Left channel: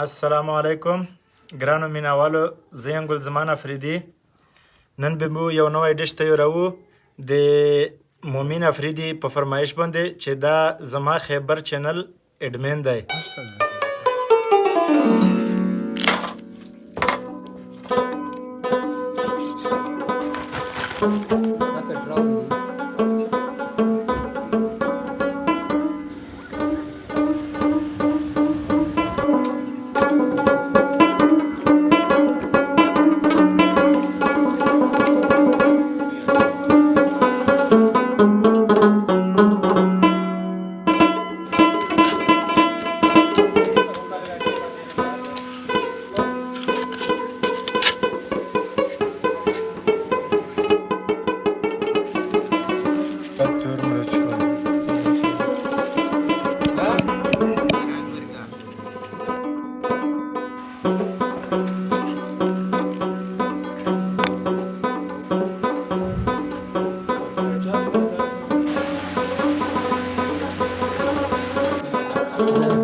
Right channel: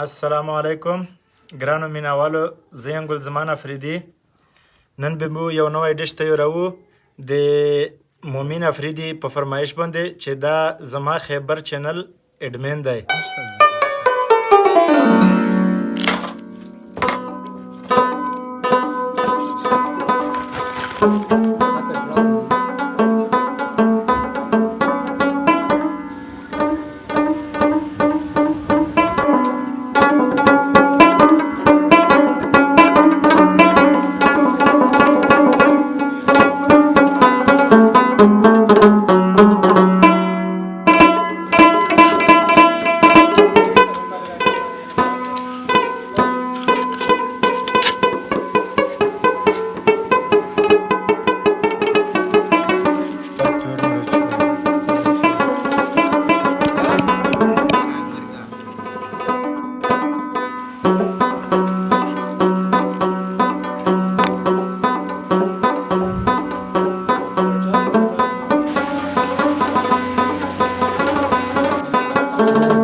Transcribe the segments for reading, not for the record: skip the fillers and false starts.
السلام علیکم ګرانو مینهوالو، زه یم ګلزمان افریدي. نن به مو یو نوی ډش تیاروو د مومین افریدي په فرمایش باندې چې دا زما خیبر چینل اډمین دی.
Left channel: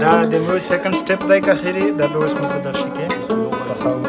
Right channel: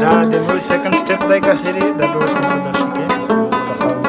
دا د مو سیکنډ سټپ دی که خیري دا به اوس مو په دغه شي کې پخوو.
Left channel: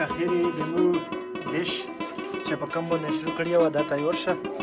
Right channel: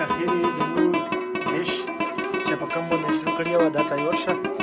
که خیري د مو ډش چې په کوم باندې شروع کړې وه دا تیار شه.